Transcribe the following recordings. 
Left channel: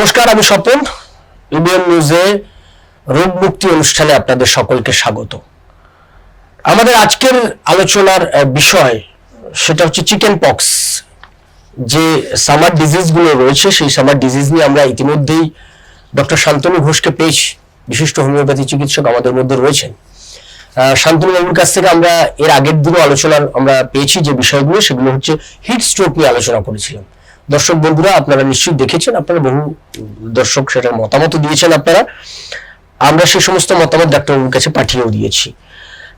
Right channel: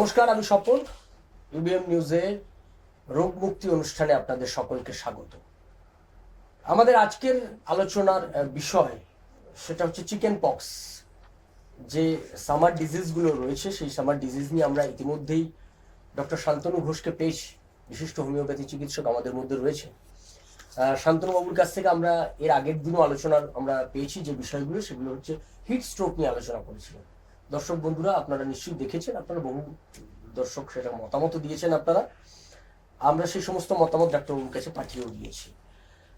নমস্কার আমি স্বপন। ইবিএম নিউজে রোগ মুক্তি অনুষ্ঠানে আপনাদের সকলকে স্বাগত। আমাদের আজকের আলোচনার বিষয় সেটা হচ্ছে চিকেন পক্স। যে সামার ডিজিজগুলো রয়েছে সেই সামার ডিজিজ নিয়ে আমরা ইতিমধ্যেই ডক্টর শান্তনু ঘোষকে পেয়েছি। বিশিষ্ট হোমিওপ্যাথি চিকিৎসক আমাদের মধ্যে রয়েছেন। আহ, শান্তনু বাবুর কাছ থেকে আমরা এর আগের দিনও আলোচনার আমরা পেয়েছি যে বিষয়গুলো সেগুলো হচ্ছে হিট স্ট্রোক নিয়ে আলোচনা করেছিলাম। দর্শক বন্ধুরা আপনারা নিশ্চয়ই দেখেছেন আপনারা বহু দর্শক সেটার মতামত দিয়েছেন আপনারা। আমরা সেই সমস্ত মতামত ডাক্তারবাবুর কাছে পাঠিয়েও দিয়েছি।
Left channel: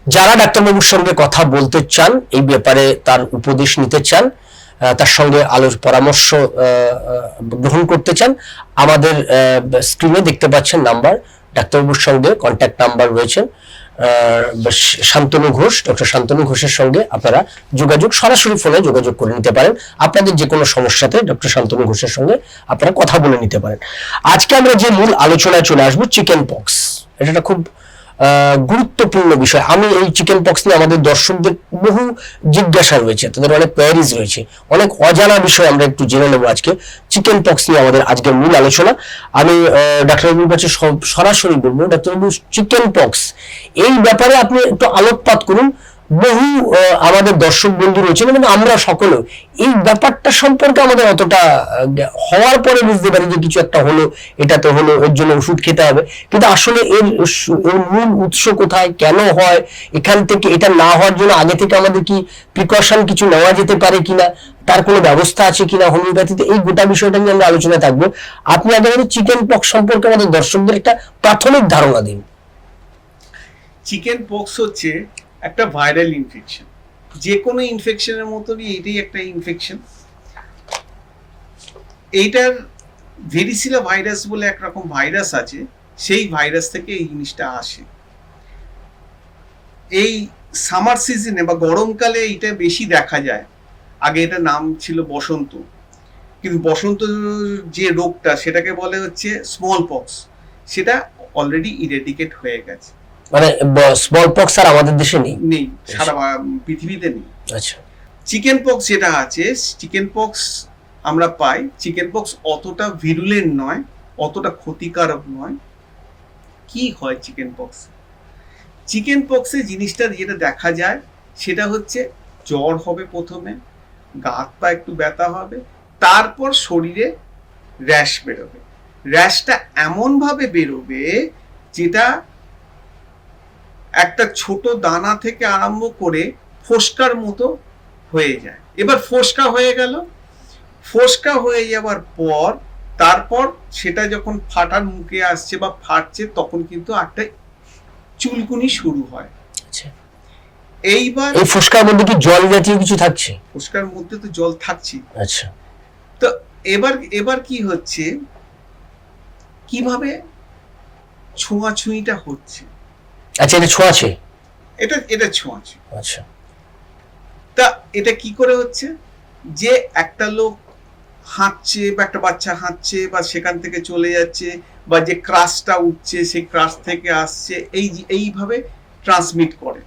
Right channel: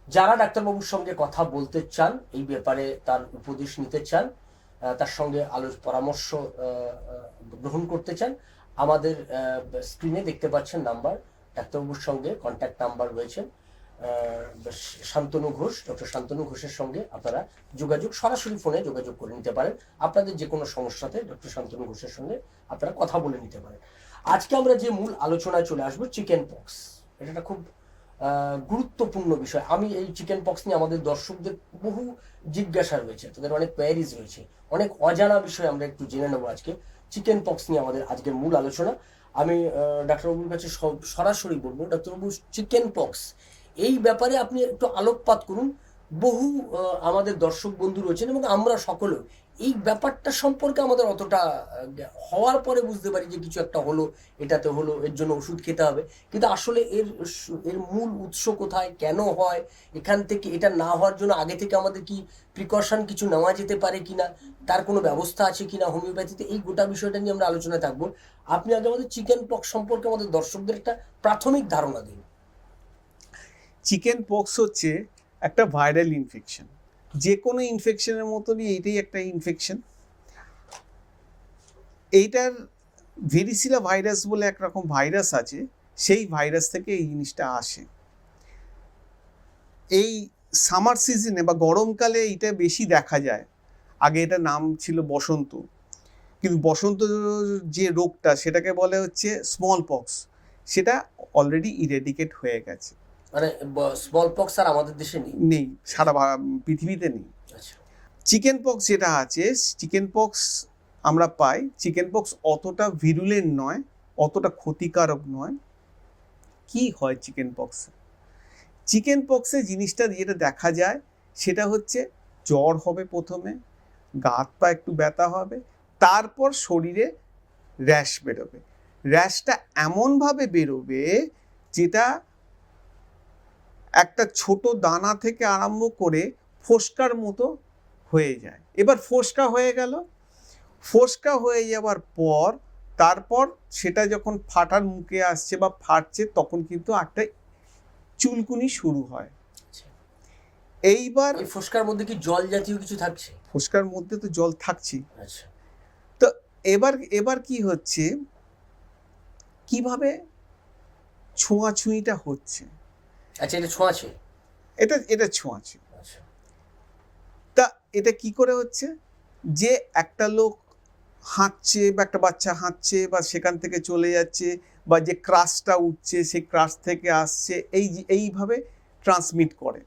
যারা ডাক্তারবাবুর সঙ্গে কথা বলতে চান এই ব্যাপারে তার উপদেশ নিতে চান তার সঙ্গে আলোর পরামর্শ গ্রহণ করতে চান আমাদের স্ক্রিনে দেখতে পাচ্ছেন নাম্বার ডাক্তারবাবুর সঙ্গে কন্ট্যাক্ট নাম্বার রয়েছেন আহ, শান্তনু ঘোষ, ডক্টর শান্তনু ঘোষের সঙ্গে আপনারা যোগাযোগ, সরাসরি ফোনে যোগাযোগ করে নিতে পারেন। আপনাদের যে কোনো সমস্যাতে ডক্টর শান্তনু ঘোষের সঙ্গে আপনারা কথা বলে নিতে পারেন। আজকে আমরা যে মূল আলোচনায় চলে আসব চিকেন পক্স এটা খুব গুরুত্বপূর্ণ বিষয়। আমি এই চিকেন পক্স নিয়ে আমাদের দর্শকদের বহু জিজ্ঞাসা রয়েছে, তাদের অনেক কোয়ারিজ রয়েছে। অনেক অজানা বিষয় আমরা একটু জেনে নেব আজকে। চিকেন পক্স নিয়ে আমাদের আজকের মূল আলোচনা। আমি ডাক্তার ডাক্তারবাবুর কাছে সরাসরি বলব ডাক্তারবাবু চিকেন পক্স এই ব্যাপারে আপনি একটু আলোকপাত করুন। বহু আমাদের দর্শক বন্ধু রয়েছেন এবং আমরা সকলেও। এই ব্যাপারটা সম্পর্কে আমাদের অতটা হওয়ার পরে বুঝতে পারি যে কিছু একটা হলো এটাতে হলো, এর জন্য ওষুধ খেতে হবে। কিন্তু আসলে এর মূল উৎস কোথায়, কেন হয়, এখান থেকে এটা না হওয়ার জন্য আগে থেকে আমাদের কি প্রিকশন কিছু নেওয়া যেতে পারে কিনা, তার কোনো ব্যবস্থা আছে কিনা হোমিওপ্যাথিতে, এই গোটা বিষয়টা নিয়ে আমরা আলোচনায় থাকব। আপনি আগে আমাদের চিকেন পক্স সম্পর্কে আমাদের দর্শকদের একটা প্রাথমিক ধারণা দিন। চিকেন পক্স হচ্ছে একটা ভাইরাল ইনফেকশন যে কোনো ইনফেকশনের মতনই এটাই একটা ইনফেকশন এইটার ভেরিসিলা ভাইরাস বলে একরকম ভাইরাস আছে, সেই ভাইরাস থেকে এই জিনিসটা আসে। এই সামার সিজনে বা গরমকালে এটা বেশি দেখা যায়। আগে এটা নাম ছিল বসন্ত। কিন্তু বসন্ত যে রোগটা, সেটাকে বলে হচ্ছে স্মল পক্স সেটা অলরেডি ইরেডিকেট হয়ে গেছে। মানে স্মল পক্স আর আমাদের দেশে নেই? নেই সারা পৃথিবীতে নেই। আচ্ছা। চিকেন পক্স যেটা আছে চিকেন পক্স আমরা পাই। চিকেন পক্স অতটা ভিরুলেন্ট নয় অতটা ক্ষতিকারক নয়। কি হয় চিকেন পক্স চিকেন পক্সে জিনিসটা যেটা দেখা যায় সেটা হচ্ছে জ্বর হবে প্রথমে গাত পা একটু ব্যথা হবে তারপর শরীরে র্যাশ বেরোবে। র্যাশটা এমনভাবে বেরোবে যেটা একটা ছোট দানা থেকে আরম্ভ করে ফোসকার মতো হয়ে যায়। এবার ফোসকা হয়ে গেল। ফোসকা হয়ে যাওয়ার পর তারপর সেটা যখন ফাটার মুখে আসছে বা ফাটছে তখন কিন্তু একটা চুলকুনি শুরু হয়। আচ্ছা। এইবার এই ফুসকার মধ্যে কি জল জাতীয় কিছু থাকছে? ফোসকার মধ্যে তো জল থাকছে। আচ্ছা। তো এবার এবার কি হচ্ছে? কীভাবে ছোঁয়াছুঁইটা হচ্ছে? আচ্ছা এটা ছোঁয়াছে এটা এটা ছোঁয়াছুঁই আচ্ছা। তা এটা কি করে হচ্ছে? যে একটা লোক হাঁটছে বা একটা বাচ্চা হাঁটছে বা সেখান থেকে চলে যাচ্ছে বা যে ক্রাশটা উঠছে সেই ক্রাশ থেকে আসছে এই এইভাবে ট্রান্সমিট করে।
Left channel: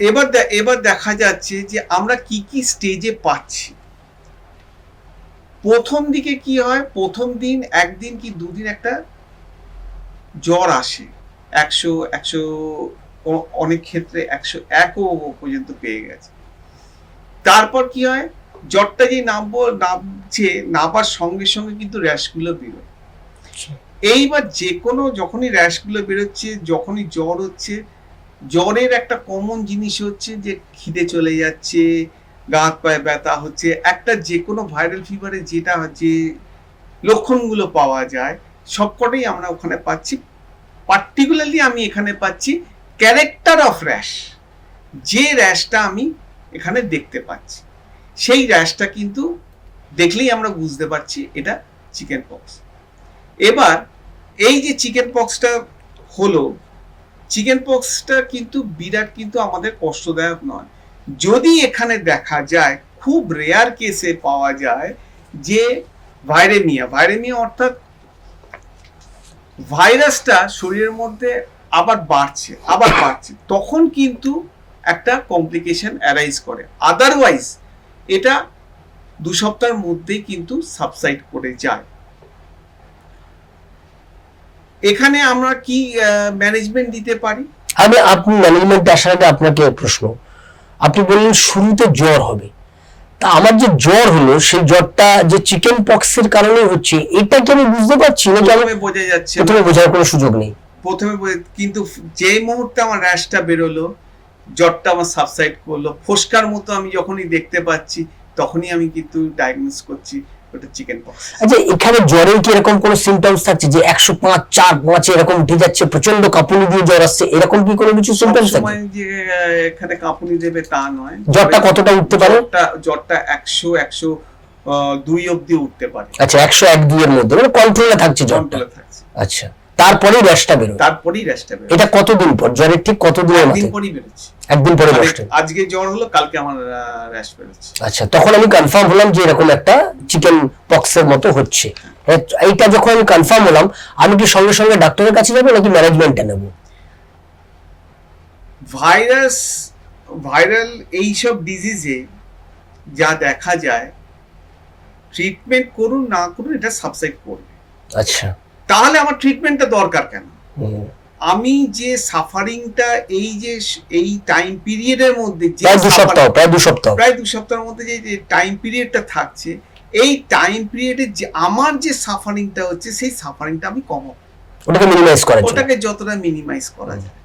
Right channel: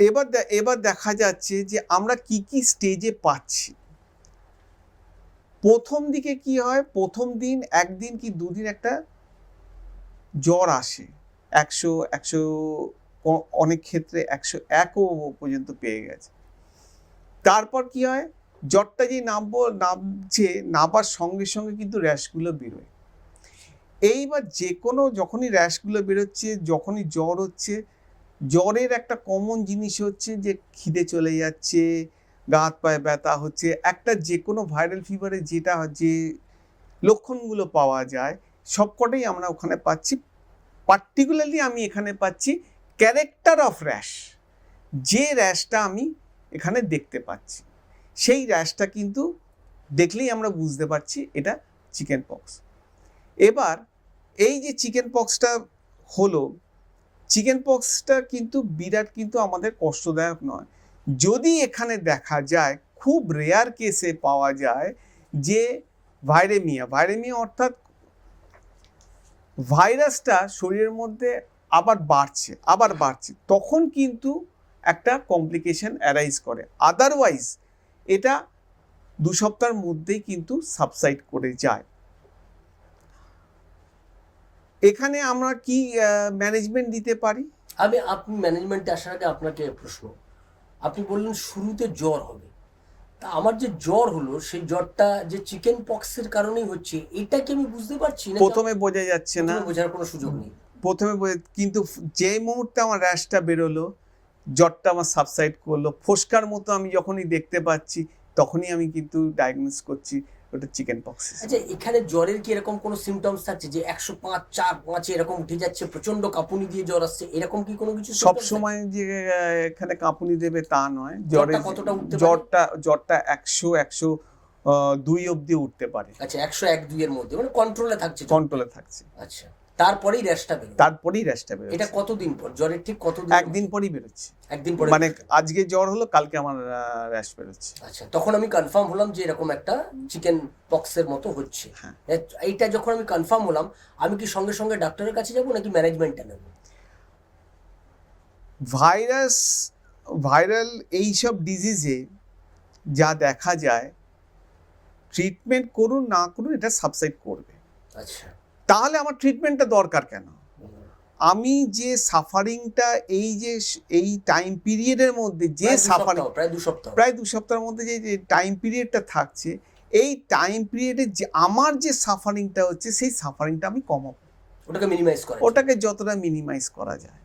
এবার এবার দেখা যাচ্ছে যে আমরা কি কি স্টেজে পাচ্ছি। প্রথম দিকে কি হয়? প্রথম দিন একদিন কি দুদিন একটা জ্বর আসে। একশো একশো অনেক ক্ষেত্রে একশো একও পর্যন্ত পেয়ে গেছে। তারপর কি হয়? জ্বরটা যে নামবো নামছে নামার সঙ্গে সঙ্গে কিন্তু র্যাশগুলো বেরোয়। এইবার যে কোনো যখনই র্যাশগুলো বেরোচ্ছে যখনই জ্বর হচ্ছে জ্বরের একটা কমন জিনিস হচ্ছে যে খিদে চলে যাচ্ছে গা হাত পায়ে ব্যথা হচ্ছে একটা যে কোনো ভাইরাল ফিভারে যেটা যে লক্ষণগুলো পাওয়া যায় সবকটাই আমরা ওখানে পাচ্ছি। পার্টিকুলারলি আমি এখানে পাচ্ছি ক্যারেক্টার অফ র্যাশ যে র্যাশটা আমি এখানে দেখতে পাচ্ছি, সেই র্যাশটা কিন্তু দেখলেই আমরা বুঝতে পারছি এটা চিকেন পক্স এবার এই যে চিকেন পক্সটা হলো চিকেন পক্সটা কিন্তু বিরাট কিন্তু আমাদের কষ্টদায়ক নয়। যদি এখানে দেখা যায়, খুব রেয়ার কেসে পাওয়া যায় যে ভাইরেমিয়া ভাইরেমিয়া অর্থাৎ ভাইরাসটা শরীরের মধ্যে আবার বাড়ছে আবার বাড়ছে। তখন কিন্তু একটা কমপ্লিকেশন অ্যারাইজ করে। আদারওয়াইজ এটা দু সপ্তাহের মধ্যেই কিন্তু সাবসাইড করে যায়। এখানে আমরা কি ম্যানেজমেন্ট দিতে পারি? আমি, আপনি ম্যানেজমেন্ট আসার আগে আপনাকে প্রশ্ন। আপনি বললেন শুরুতে জ্বর হবে। তা আমার যে জ্বর হলো সেই জ্বরটা যে চিকেন পক্সের কারণে হচ্ছে এটা কি আমি বুঝতে পারছি না প্রথমে বোঝা যাচ্ছে। প্রথমে বোঝার কোনো সুযোগ নেই প্রথমে কিন্তু যে মুহূর্তে আমার র্যাশটা বেরোলো জ্বরটা আমার সাবসাইড করল ফোসকার মতো আমি যখনই দেখতে পাচ্ছি তখনই আমি কিন্তু ডায়াগনোস করছি ওটা চিকেন পক্স আচ্ছা এখানে জ্বরের কি এরকম কোনো সিমটমস থাকছে যে একশো পাঁচ চার পাঁচে এরকম উঠে যাচ্ছে প্রচণ্ড কাঁপুনি দিয়ে জ্বর আসছে এরকম কি কোনো কিছু সিমটমস থাকে? যে এখানে কাঁপুনি দেবে তা নয়। জ্বরটা কতটা উঠতে পারে? জ্বরটা জ্বরটা একশো একশো আহ, দুই অব্দি উঠতে পারে। আচ্ছা একশো এক দুইয়ের মধ্যে মানে কন্ট্রোলে থাকছে জ্বরটা। থাকছে। আচ্ছা। তারপরেই র্যাশটা বেরোয়। তারপরেই র্যাশটা বেরোচ্ছে এটা কতদিন পর? জ্বরের ঠিক কতদিনের একদিন পরই বেরোচ্ছে। একদিন পরে মানে র্যাশটা আজকে জ্বর হলো কালকে আমার র্যাশ বেরোচ্ছে। আচ্ছা তখন আমি কনফার্ম হলাম যে এরকম একটা চিকেন পক্সের মতো হচ্ছে। এইটা যখন আমি কনফার্ম হলাম আমি কি সঙ্গে সঙ্গে ডাক্তারের কাছে যাব নাকি ম্যানেজমেন্টে নেব? ভাইরাস ভাইরাল এইসব ডিজিজে যা দেখা যায় ট্রিটমেন্ট করুন না করুন এটা সাবসাইড করবে। আচ্ছা। তাহলে আমার ট্রিটমেন্টটা দরকার কেন? আমি যে সাফারিংটা এই যে এই টাইম পিরিয়ডের মধ্যে যে সপ্তাহ প্রায় দু সপ্তাহ। প্রায় দু সপ্তাহের মধ্যে যে টাইম পিরিয়ডটা থাকছে এই টাইম পিরিয়ডে যে আমার যে সাফারিংটা হচ্ছে সেই সাফারিংটা আমি কমাবো। ওটাকে মিনিমাইজ করার জন্য। ওটাকে যতটা মিনিমাইজ করা যায়।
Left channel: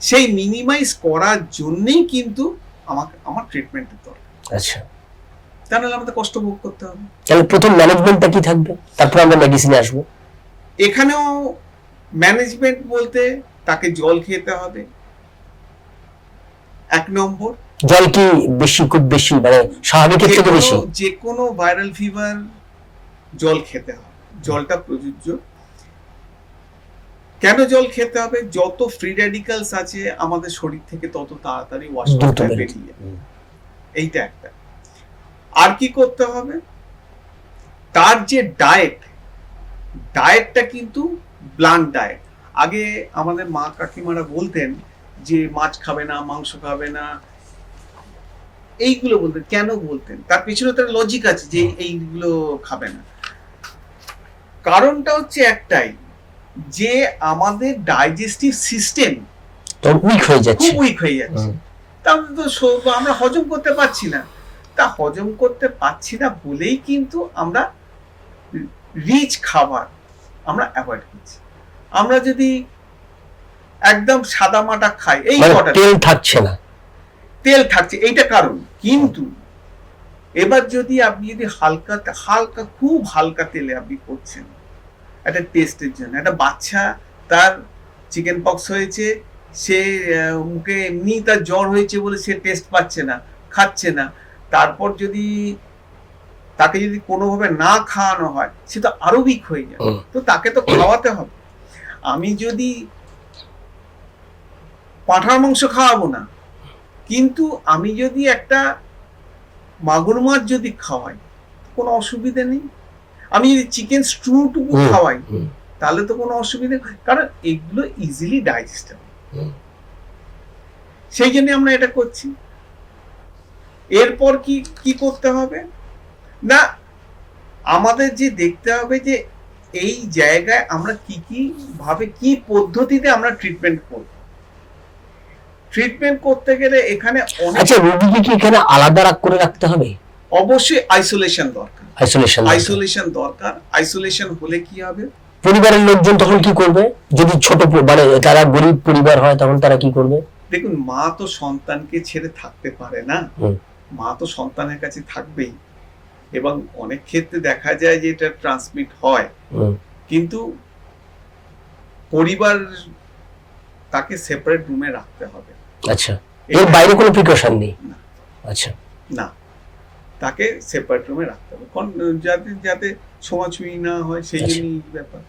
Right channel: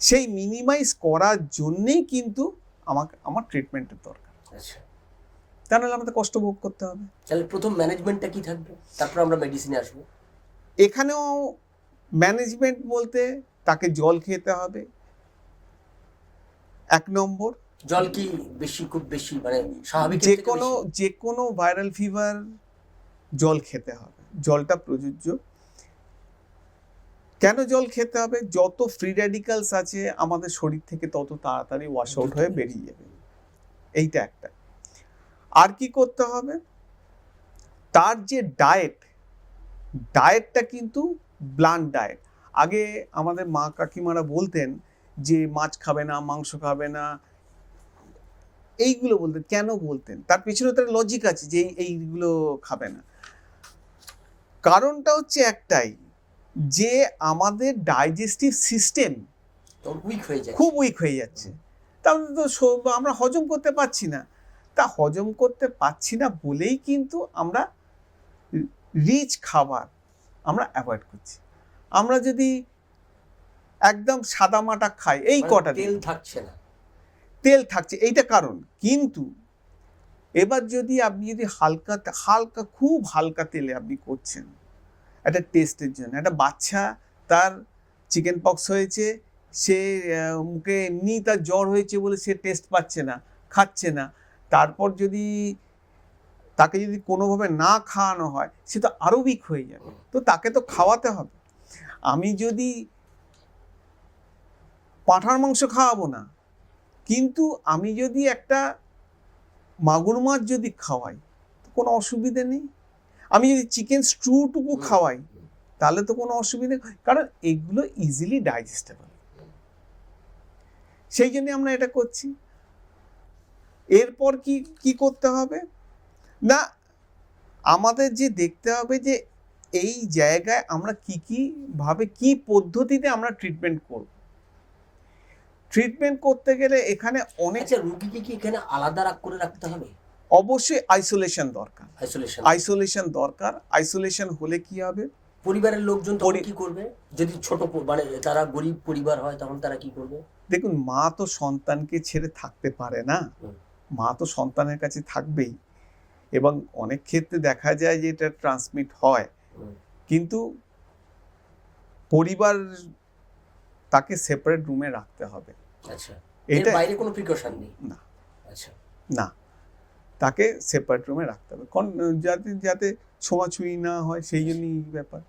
সেই মিনিমাইজ করার জন্যই কিন্তু আমাকে আমার ট্রিটমেন্টের দরকার। আচ্ছা। তা নাহলে আমাদের কষ্ট ভোগ করতে হবে। তাহলে প্রথম ম্যানেজমেন্টটা কি থাকবে? তারপর আমরা মেডিসিনে আসব। এখানেও ম্যানেজমেন্ট বলতে তাকে জল খেতে হবে। এক নম্বর। জল কি বেশি খুব বেশি মানে স্বাভাবিকের থেকে বেশি যে কোনো ভাইরাল ফিভার জল খেতে হবে। জলটা প্রযোজ্য। কেন জল খেতে হবে? যত ফ্রি রেডিক্যালস আছে আমাদের শরীর থেকে তত তাড়াতাড়ি ওয়াশ বেরিয়ে বেরিয়ে যাবে এইটা একটা। আর কি করতে হবে? তার যে ডায়েট ডায়েটটা কিন্তু ব্লান্ট ডায়েট আগে আমাদের মা কাকিমারা বলতেন যে মাছ খাবে না মাংস খাবে না এইগুলো বলতেন। কেন বলতেন? তার পিছনে তার লজিক আছে যে এইগুলো খাবে না। কারণটা হচ্ছে একটাই যে আমাদের ডাইজেস্টিভ সিস্টেম উইক হয়ে যাচ্ছে। খুব উইক হয়ে যাচ্ছে। তাহলে তো আমরা হজম করতে পারছি না। তা হজম করতে পারছি না বলেই কিন্তু আমরা রিচ খাবার আমরা অ্যাভয়েড করছি। আমরা যদি একদম সাদা মাটা খাই এই মানে কটা তেল থাকছে না। তেল থাকছে এইটা কারণ। কিন্তু এবার যদি আপনি যদি হালকা হালকা খুব হালকা তেলে আপনি করছেন একটা টেস্টের জন্য একটা বাচ্চা তার চিকেন পক্স হয়েছে সে মুখে এমনি তার জ্বর হয়েছে বলে সে টেস্ট পাচ্ছে না খাচ্ছে না তারপর যদি তাকে যদি কোনোভাবে না খাওয়ানো হয় সে তো আরও উইক হয়ে যায় তো তাকে তো খাওয়াতে হবে। আমি যদি পাঁঠার মাংস খাওয়াবো না কিন্তু আমি যদি একটা মাগুর মাছ যদি খাওয়াই কোনো অসুবিধে নেই। আমি যদি চিকেন স্টুটুকু হুম, খাওয়াই তাহলে তো কোনো অসুবিধে। কারণ এগুলো ইজিলি ডাইজেস্টেবল। সেই জন্য আমরা এটা করছি। এরপর কি কি করতে হবে? না আমাদের যে দেখতে হবে যে এই জায়গায় আমরা কি কি ভাবে কি পদ্ধতিতে আমরা ট্রিটমেন্ট করব। ট্রিটমেন্ট করতে গেলে এখানে আচ্ছা রোগীকে কি এখানে আলাদা রাখ করে রাখতে হবে? অবশ্যই আইসোলেশন দরকার। আইসোলেশন আইসোলেশন দরকার। আইসোলেশন হলে কি হবে? পরিবারের লোকজন তখন কি করবে? যদি ছোট মানে তারা গরিব পরিবার হয় তখন তারা কি করবে? দেখুন মা তো সন্তানকে ছেড়ে থাকতে পারে না। মা তো সন্তানের কাছে থাকবেই। এবং অনেক ক্ষেত্রে দেখা যায় যে এটা ট্রান্সমিট হয়। কিন্তু পরিবার তাকে সেপারেট রুমে রাখতে হবে। আচ্ছা। এর বাইরে কোনো প্রিকশন নেই? না। আচ্ছা। না। তাকে সেপারেট রুমে রাখতে হবে। যাতে যাতে ছোঁয়াছুঁয়ি না হয় সেই আচ্ছা। জন্যই ব্যাপার।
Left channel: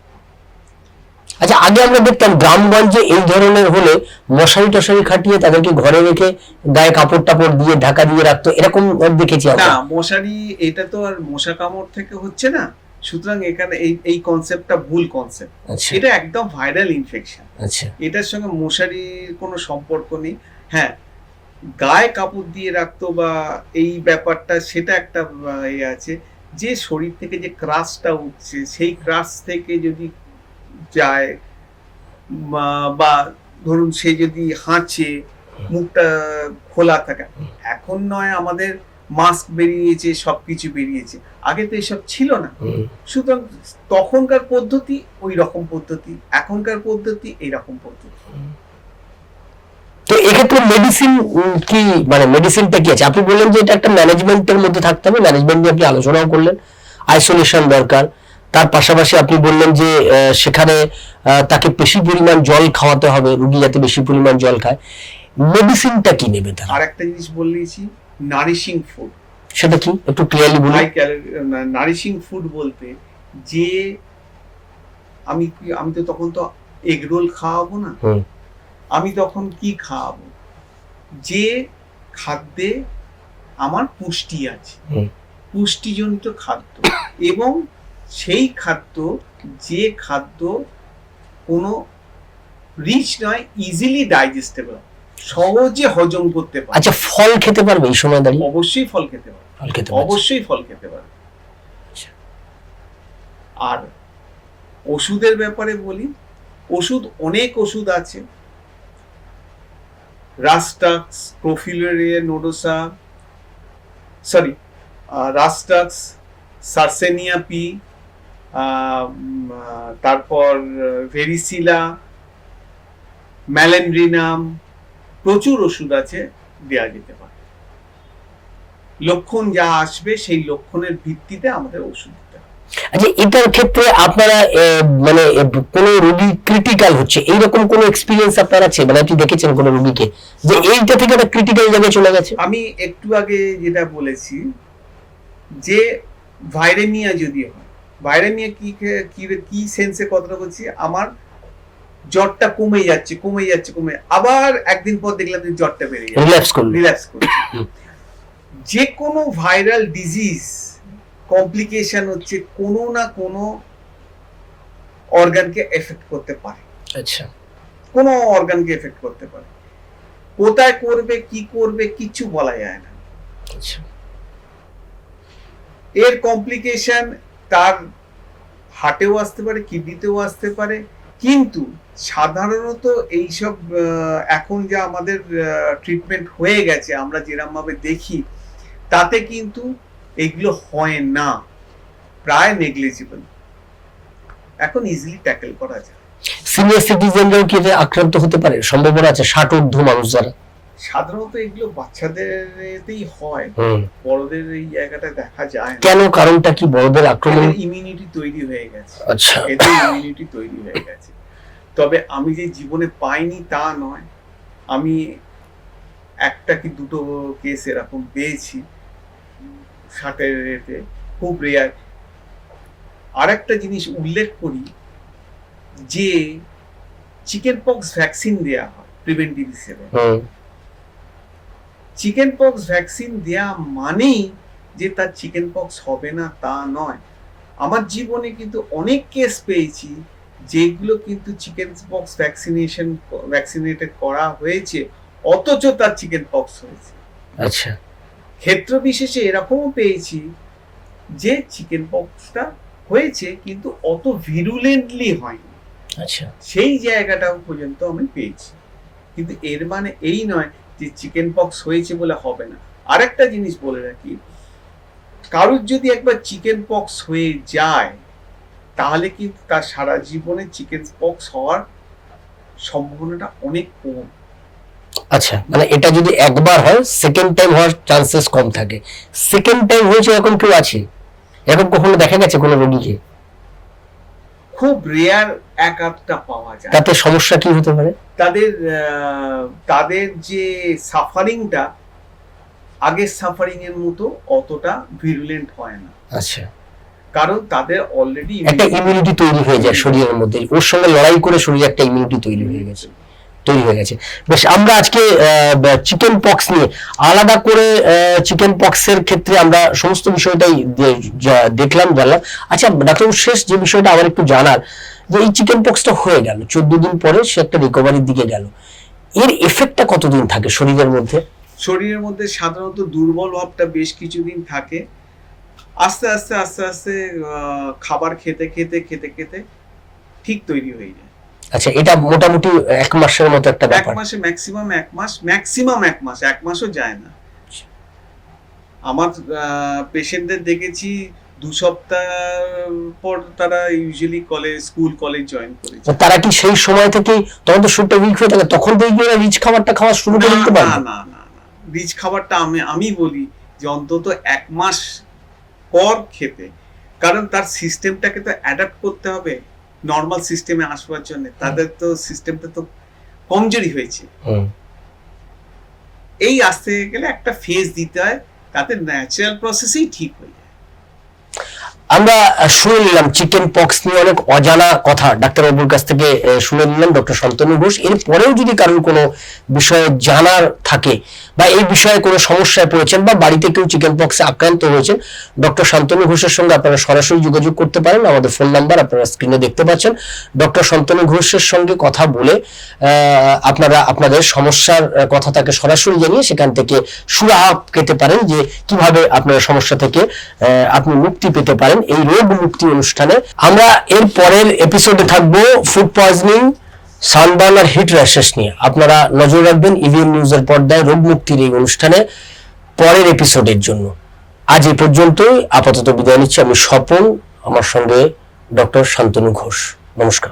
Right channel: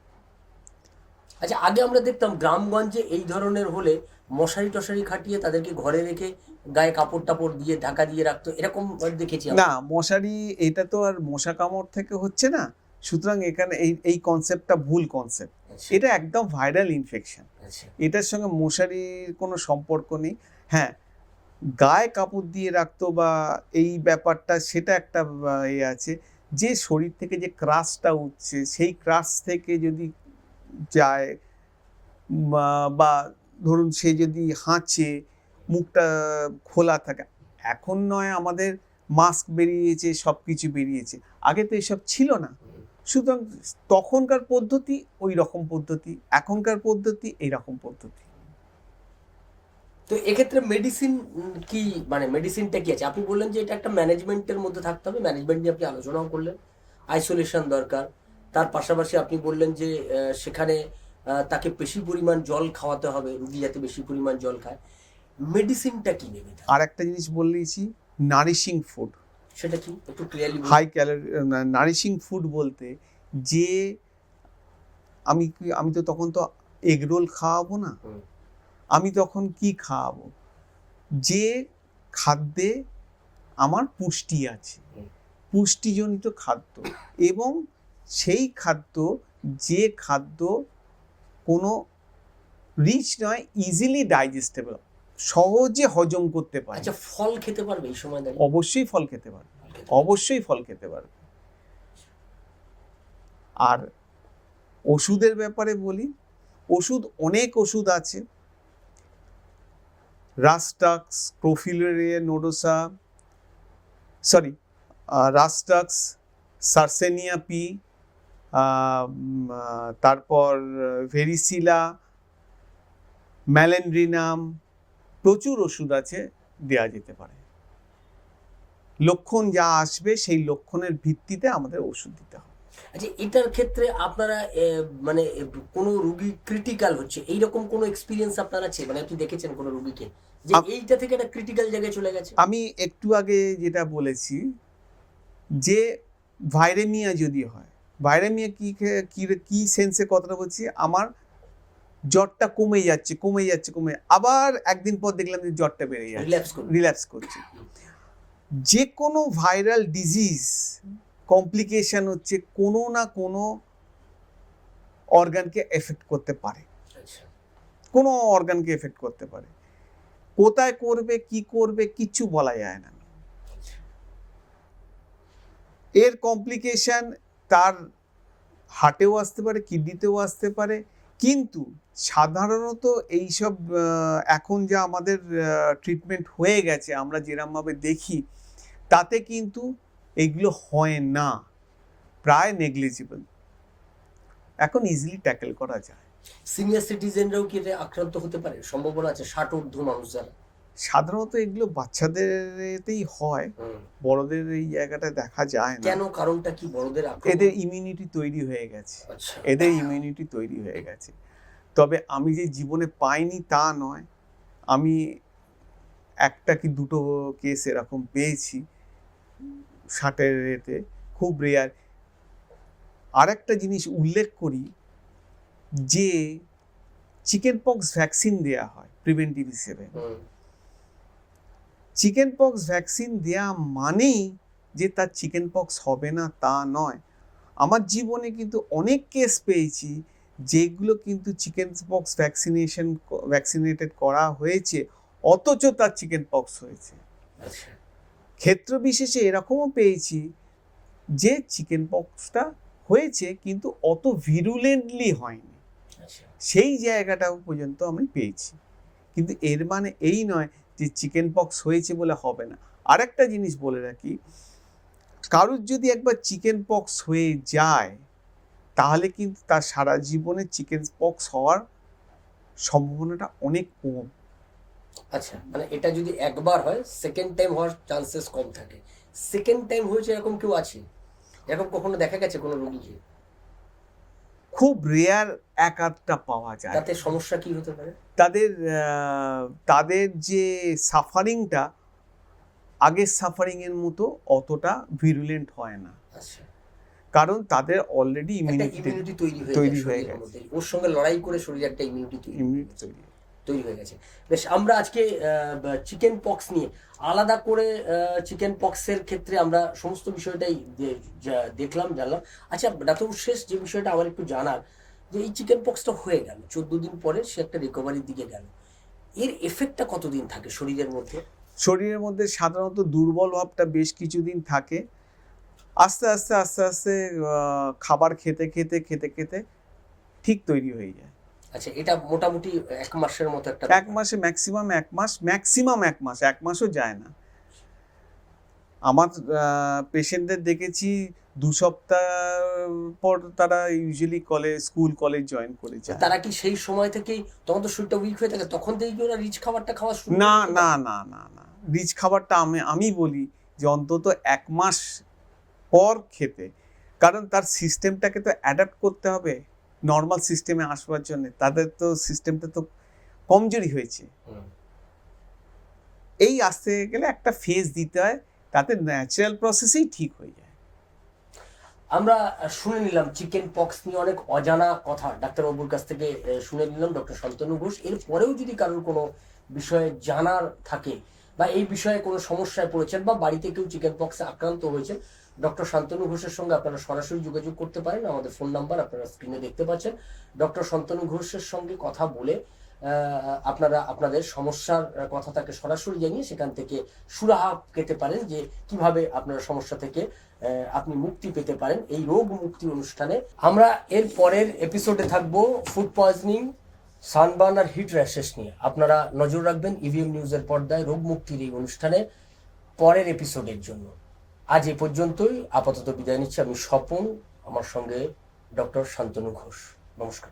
আগে আমরা দেখতাম গ্রামগঞ্জে এই ধরনের হলে মশারি টশারি খাটিয়ে তাদেরকে ঘরে রেখে গায়ে কাপড় টাপড় দিয়ে ঢাকা দিয়ে রাখতো। এরকম দেখেছি না মশারি এটা তো আর মশা কামড় থেকে হচ্ছে না। সুতরাং এখানে এই এই কনসেপ্টটা ভুল কনসেপ্ট আচ্ছা। এটা একদম ভাইরাল ইনফেকশন আচ্ছা। এটার সঙ্গে মশারির কোনো সম্পর্ক নেই। হ্যাঁ গায়ে কাপড় দিয়ে রাখতো বা এই ব্যাপারটা সেটা একটা এ আছে। যে শরীর থেকে যে ক্রাশটা উঠছে সেই ক্রাশ থেকে যদি যায় বা- ধরুন সে যদি হাঁচে মুখটা খোলা থাকে। এখন নয় আমাদের মাস্ক বেরিয়েছে সবকিছু বেরিয়েছে। আগে তো এসব ছিল না। সুতরাং তখনকার পদ্ধতি ওই রকম পদ্ধতি এখনকার পদ্ধতি এই রকম পদ্ধতি। তো এক্ষেত্রে মেডিসিন কি মানে মেডিসিনটা কি আছে? আপনি বললেন যে এটা একটা ম্যানেজমেন্টের মধ্যে থাকতে হবে। ম্যানেজমেন্ট নিয়ে আপনি আলোচনাও করলেন। আইসোলেশন দরকার। তার পাশাপাশি আপনি বললেন যে সেখানে তাকে বেশি পরিমাণ জল খাওয়াতে হবে রুগী যাতে বেশি পরিমাণ জল খায়। মেডিসিনটা কি নেবে তার? আর একটা জিনিস বললেছি নারিশিং ফুড সেটা কি? একটু ক্লিয়ারলি বলুন। হাই ক্যালোরি নারিশিং ফুড বলতে যে আমি আমি তো তখন তো এগ রোল খাওয়াবো না। আমি তখন কি খাওয়াবো? যে খাদ্যে আমার পুষ্টি আছে। পুষ্টিজনিত খাদ্য এবং সেই খাদ্য যে খাদ্য কোনো রিচ নয় ইজিলি ডাইজেস্টেবল সহজে হজম করতে পারে আচ্ছা ফল খেতে পারবে এই সময় দাঁড়িয়ে? অবশ্যই ফল খেতে পারে ফল খেতে পারবে অবশ্যই ফল খেতে পারে আচ্ছা। আর ওষুধের ব্যাপারে বলি ওষুধ অনেক ওষুধ আছে। রাস্টাক্স প্রোফিলেরিয়া nodosa sorry rhus tox sarracenia P তারপর ভেরিসিলা ম্যালেন্ড্রিনাম প্রচুর ওষুধ আছে দেওয়া যেতে পারে। লক্ষণ যা আসবে সেই লক্ষণের ভিত্তিতে আমাদের ওষুধ দিতে হবে। আচ্ছা এটার ক্ষেত্রে আপনারা মানে কোনো রোগী ক্রিটিক্যাল হচ্ছে? এইরকম কোনো এক্সপিরিয়েন্স আপনার আছে? মানে আপনি দেখেছেন কোনো রোগীকে? যে এইটা থেকে একটা ক্রিটিক্যাল জায়গায় চলে গেছে? আমি একটু আগে যেটা বলেছি যে ভাইরেমিয়া যদি হয় কি খে- কি কি সেন্সে কথাটা বলছি? আমার জ্বরটা কমে যাচ্ছে কমে যাচ্ছে কমে আবার একদিন পর দেখলাম যে জ্বরটা বেড়ে যাচ্ছে রিল্যাক্স করল। রিল্যাক্স করছে যে কোনো ভাইরাল ডিজিজ কমপ্লিকেশন হচ্ছে কোনো না কোনো অর্গানকে এফেক্ট করতে পারে। আচ্ছা। কোনো অর্গানকে এফেক্ট করতে পারে। কোথায় করবে কি করবে কিচ্ছু বলা যায় না। আচ্ছা। এর কমপ্লিকেশন তার হার্টেও আসতে পারে, কিডনিতেও আসতে পারে। কিন্তু সাধারণত এইসব এখন যা আমাদের ট্রিটমেন্ট হয়ে গেছে, আমরা যেরকম ভাবে দেখি, তাতে কিন্তু এগুলো হয় না। প্রায় নেগলিজিবল এখন ইজিলি ট্যাকেল করা যায়। সিনিয়র সিটিজেনরাও কি আক্রান্ত হতে পারে? সম্ভাবনা আছে ষাট ঊর্ধ্ব মানুষ যারা। সাধারণত এগুলো বাচ্চাদেরতেই হয়। বড়দের এই জায়গাটা দেখা যায় কেন? কারণটা কি? বড়দের আক্রমণ? ইমিউনিটি তৈরি হয়ে গেছে। আচ্ছা। এদের ইমিউনিটি তৈরি হয়ে গেছে। তবে আমি যে জীবনে পাইনি তা নয়। আমি একটা কি দুটো কেস এরকম পেয়েছি। ষাটের রেটে খুব রেয়ার আর একটা জিনিস উল্লেখ করি যে চিকেন পক্স ভ্যাকসিন দেওয়া হয় প্রিভেন্টিভ হিসেবে। চিকেন পক্স ভ্যাকসিন দেয়া মানেই যে তার চিকেন পক্স হবে না তা নয়। আমার জীবনে কিন্তু অনেক কেস পেয়েছি যেগুলো কিন্তু চিকেন পক্স ভ্যাকসিনেশন ভ্যাকসিনেটেড করা হয়েছে অথচ তার চিকেন পক্স হয়েছে। আচ্ছা। ক্ষেত্র বিশেষে এরকমও পেয়েছি যে চিকেন পক্সটা হয়েছে কিন্তু অত ভিরুলেন্টলি হয়নি। আচ্ছা। সেই জায়গাটাও পর্যন্ত আমি পেয়েছি। কিন্তু এর মানে এই নয় যে চিকেন পক্স হয়েছে বলে হবে না। আরেকটা জিনিস বলে রাখি, কারুর যদি একবার চিকেন পক্স হয়ে যায়, তাহলে কিন্তু তার সারা জীবনে চিকেন পক্স হওয়ার সম্ভাবনাটা অনেক কম। আচ্ছা মানে এটা যদি একবার হয় সেকেন্ড টাইম হওয়ার চান্সেস কম থাকে। সেকেন্ড টাইম হয়েছে এরকম কেউ আছে? এরকম কখনো দেখা গেছে কোনো রোগীকে? খুব রেয়ার এক আধটা পাওয়া যায়। তাতে সমস্যা কি হতে পারে? তাদের তাদের যে সাফারিংটা আগের সাফারিং এর মতো অতটা ভিরুলেন্ট হয় না। আচ্ছা। কারণ তাদের অলরেডি একটা ইমিউনিটি তৈরি হয়ে যায় শরীরের মধ্যে। ওর সঙ্গে লড়াই করে শরীরে একটা ইমিউনিটি তৈরি হয়ে গেছে। তৈরি হয়ে গেছে। বেশ, আমরা আজকে চিকেন পক্স নিয়ে আলাদা করে চিকেন পক্সের ক্ষেত্রে আমরা সমস্ত বিষয়টাই দেখলাম, জানলাম। আচ্ছা ডাক্তার শেষ যে বিষয়টা আমার একটু জানার, যে এই চিকেন পক্সটা হয়ে গেল, চোদ্দ দিন পরে সে একটা রিকভারির দিকে গেল। এর এফেক্টটা কতদিন থাকে শরীরের মধ্যে? শরীরের মধ্যে সাধারণত দুর্বল ভাবটা বেশ কিছুদিন থাকে। আস্তে আস্তে আস্তে আস্তে খাবার খেতে খেতে খেতে খেতে ঠিক তৈরি হয়ে যায়। আচ্ছা এটা মোটামুটি এক মাসের মতো একটা ব্যাপার। এক মাসে ম্যাক্সিমাম এক মাস ম্যাক্সিমাম এক মাস এক মাসও যায় না। আমার পেশেন্টদের দেখেছি দু সপ্তাহ পর তারা usually college school college join করেছে। তারা কি সেই সময় থেকেই তখন তো শুটটা উইক হয়ে থাকে তখন থেকে ওরা রিচ খাবারটা খাওয়া শুরু করে দিতে পারে না না না রিচ খাবারটা আমি আমি বলি যে অন্তত এক মাস পর খেতে। কারণ তার সিস্টেমটাকে তো অ্যাডাপ্ট করতে হবে। নর্মাল সিস্টেমে আসবার জন্য তাদের তো সিস্টেমটা তো কমজোরি হয়েছে। এই আসতে গেলে একটা ফেজ দিতে হয় তাদের ন্যাচারাল প্রসেসেই ঠিক হয়ে যায়। আমরা শুনে নিলাম চিকেন পক্স নিয়ে অনেক অজানা কথা। ডাক্তারবাবুর কাছ থেকে শুনে নিলাম ডক্টর শান্তনু ঘোষ। এরপরেও যদি কারোর কোনো বিষয়ে জানার থাকে বা এই বিষয়ে কোনো সমস্যায় পড়েছেন বা বাড়িতে কেউ চিকেন পক্সে আক্রান্ত হয়েছেন, ডক্টর শান্তনু ঘোষের সঙ্গে আপনারা সরাসরি যোগাযোগ করতে পারেন। আমাদের ফোন নাম্বার আপনারা স্ক্রিনে দেখতে পাচ্ছেন। ডক্টর শান্তনু ঘোষের সঙ্গে কথা বলে আপনারা আপনাদের সমস্যার কথা তাকে সরাসরি জানিয়ে সেখান থেকে সুরাহা পেতে পারেন যে কীভাবে আপনার সমস্যা থেকে আপনি মুক্তি পেতে পারেন। এই রোগ মুক্তি অনুষ্ঠানে। আমরা এর পরের এপিসোডে থাকব ফুড পয়জনিং সানবার্ন আর হিট র্যাশেস নিয়ে। আপনারা নজর রাখবেন ইভিএম নিউজের পর্দায় রোগ মুক্তির এই অনুষ্ঠানে পরের এপিসোডের জন্য। আজ এ পর্যন্তই। আপাতত বিদায় নিচ্ছি আমি স্বপন, আমার সঙ্গে ডক্টর শান্তনু ঘোষ। নমস্কার।